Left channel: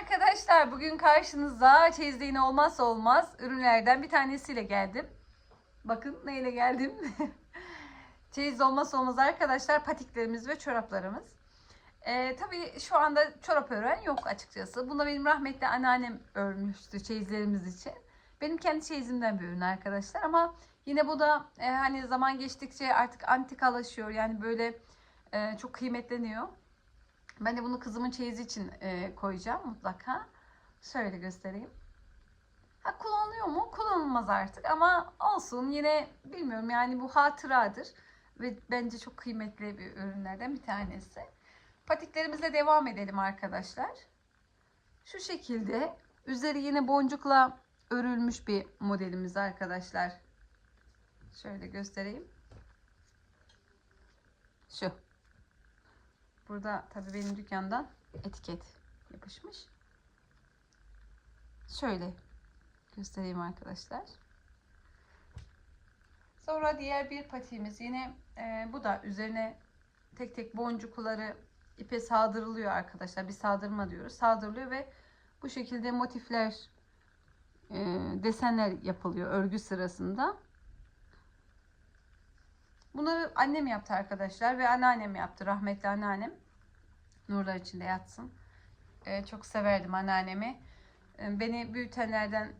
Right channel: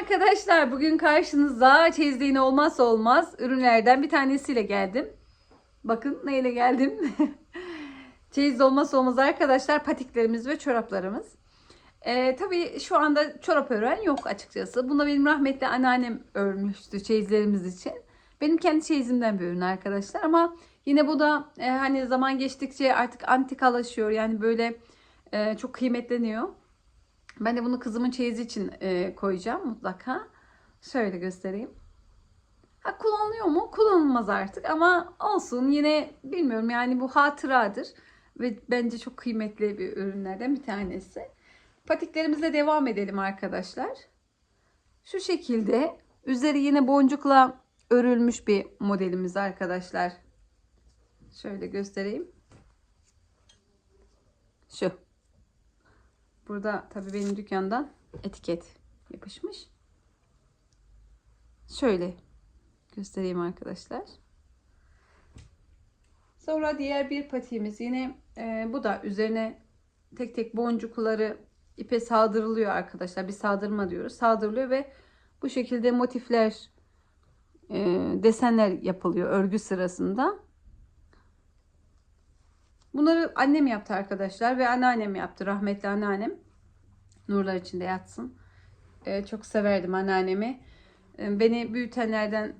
arkadaşlar bugün karşınızda çeyizliğin olmazsa olmaz ürünlerden bir tanesiyle geldim. Bakın neyle geldim. Çeyiz olmazsa olmaz arkadaşlar patiklerimiz ve çoraplarımız. Ee, tabii şu anda çorap ören yok açıkçası. Bunda benim rahmetli anneannem örmüştü çeyizlerimiz için. Benim kendi çeyizimden bir ürün arkadaşlar ama yine bu da e, hani zaman geçtikçe artık antikalaşıyor. Yani böyle e, çok kıymetleniyor. Ben de bunu kızımın çeyizi için e, koyacağım mutlaka. Şöyle göstereyim. Ha, kullanılıyor mu? Kullanılmaz artık ama olsun yine bilmiyorum yani bu hatıradır. Ve bence çok kıymetli bir ürünlerden bir tanesi. Patiklerimize devam edelim arkadaşlar. Şu şekilde üzeri yine boncukla örülmüş bir modelimiz arkadaşlar. Şöyle göstereyim. Şu. Burada tabii benim dükkandan etiket yapışmış. Şöyle göstereyim arkadaşlar. Sonra diğer bir patiğimiz yine e, bu da üzerine tek tek boncukları ipe sağdırılıyor arkadaşlar. Bir sağdırma diyoruz. Sağdırılıyor ve bu şekilde motifler e, desenler yapılıyor örgü sırasında. Bunları annem yaptı arkadaşlar ve anneannem yaptı. Rahmetli anneannem. Nurlar içinde yatsın. Ee, çok severdim anneannemi. Ee, beni büyütenlerden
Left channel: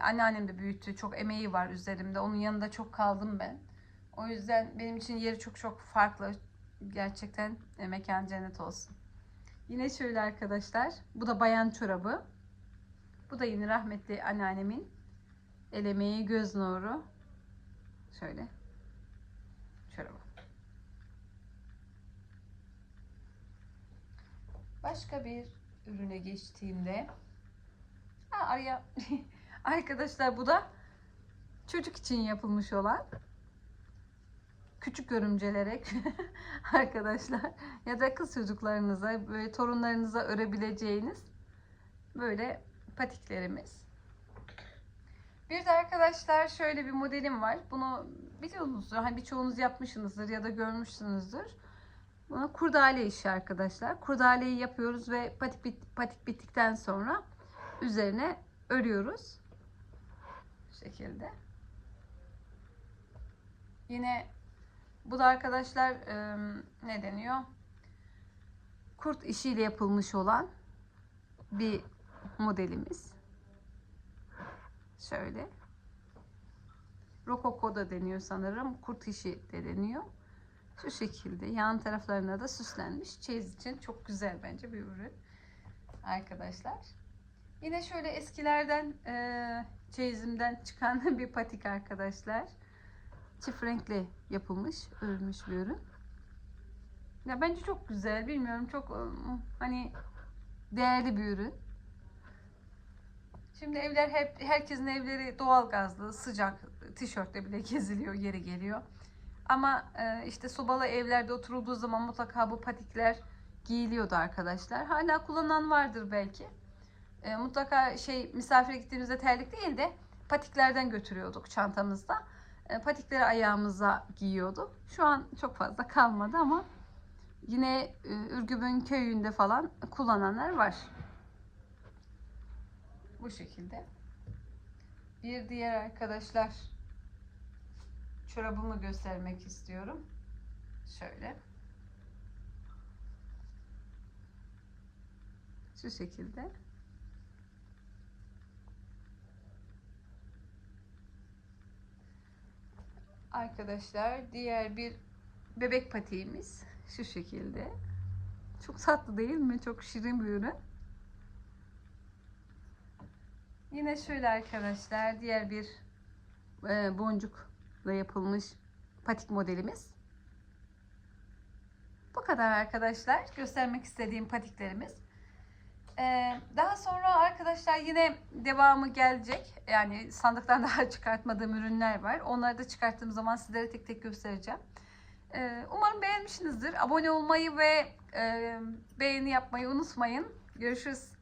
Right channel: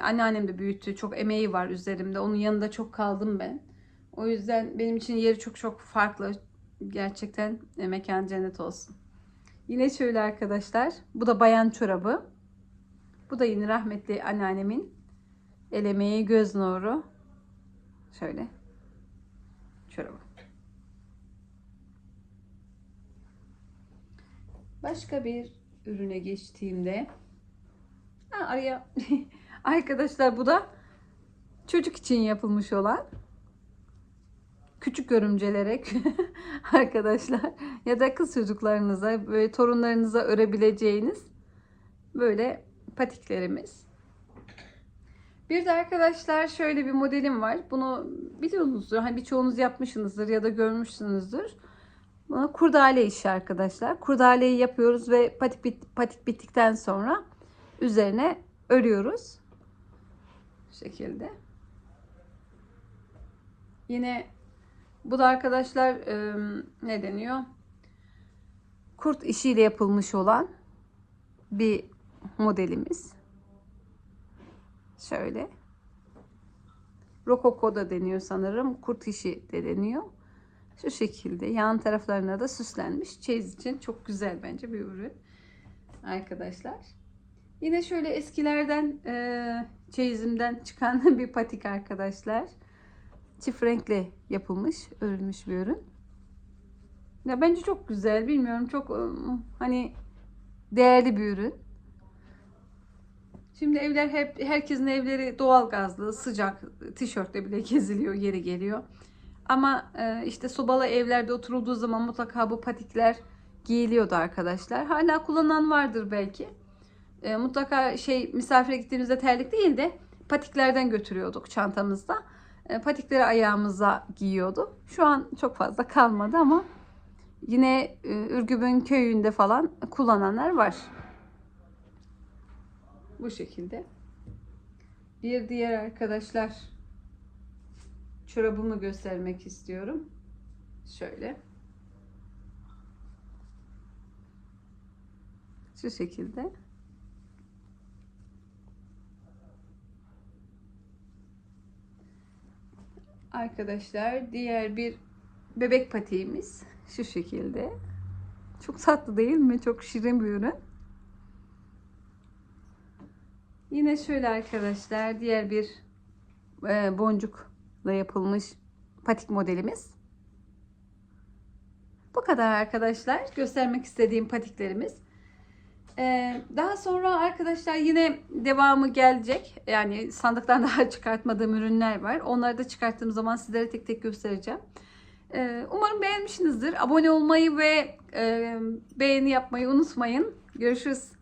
anneannem de büyüttü. Çok emeği var üzerimde. Onun yanında çok kaldım ben. O yüzden benim için yeri çok çok farklı. Gerçekten e, mekan cennet olsun. Yine şöyle arkadaşlar. Bu da bayan çorabı. Bu da yine rahmetli anneannemin el emeği göz nuru. Şöyle çorabı. Başka bir ürüne geçtiğimde ha, araya arkadaşlar bu da çocuk için yapılmış olan küçük görümcelere arkadaşlar ya da kız çocuklarınıza böyle torunlarınıza örebileceğiniz böyle patiklerimiz. Bir de arkadaşlar şöyle bir modelim var. Bunu biliyorsunuzdur. Hani birçoğunuz yapmışsınızdır ya da görmüşsünüzdür. Bunu kurdale işi arkadaşlar. Kurdaleyi yapıyoruz ve patik, bit, patik bittikten sonra üzerine örüyoruz. Bu şekilde. Yine bu da arkadaşlar e, ne deniyor? Kurt işiyle yapılmış olan bir modelimiz. Şöyle. Rokoko da deniyor sanırım. Kurt işi de deniyor. Şu şekilde yan taraflarına da süslenmiş. Çeyiz için çok güzel bence bir ürün. Arkadaşlar. Yine şöyle eskilerden e, çeyizimden çıkan bir patik arkadaşlar. Çift renkli yapılmış, örülmüş bir ürün. Ya bence çok güzel. Bilmiyorum çok hani değerli bir ürün. Şimdi evler hep herkesin evleri doğal gazlı, sıcak, tişörtle bile geziliyor, yeri geliyor. Ama e, işte sobalı evlerde oturulduğu zaman mutlaka bu patikler giyiliyordu arkadaşlar. Hala kullanan vardır belki. E, mutlaka şey misafire gittiğimizde terlik değil de patiklerden götürüyorduk çantamızda. E, patikleri ayağımıza giyiyordu. Şu an çok fazla kalmadı ama yine e, Ürgüp'ün köyünde falan kullananlar var. Bu şekilde. Bir diğer arkadaşlar çorabımı göstermek istiyorum. Şöyle. Şu şekilde. Arkadaşlar diğer bir bebek patiğimiz şu şekilde. Çok tatlı değil mi? Çok şirin bir ürün. Yine şöyle arkadaşlar diğer bir e, boncukla yapılmış patik modelimiz. Bu kadar arkadaşlar göstermek istediğim patiklerimiz. Ee, daha sonra arkadaşlar yine devamı gelecek. Yani sandıktan daha çıkartmadığım ürünler var. Onları da çıkarttığım zaman sizlere tek tek göstereceğim. Ee, umarım beğenmişsinizdir. Abone olmayı ve e, beğeni yapmayı unutmayın. Görüşürüz.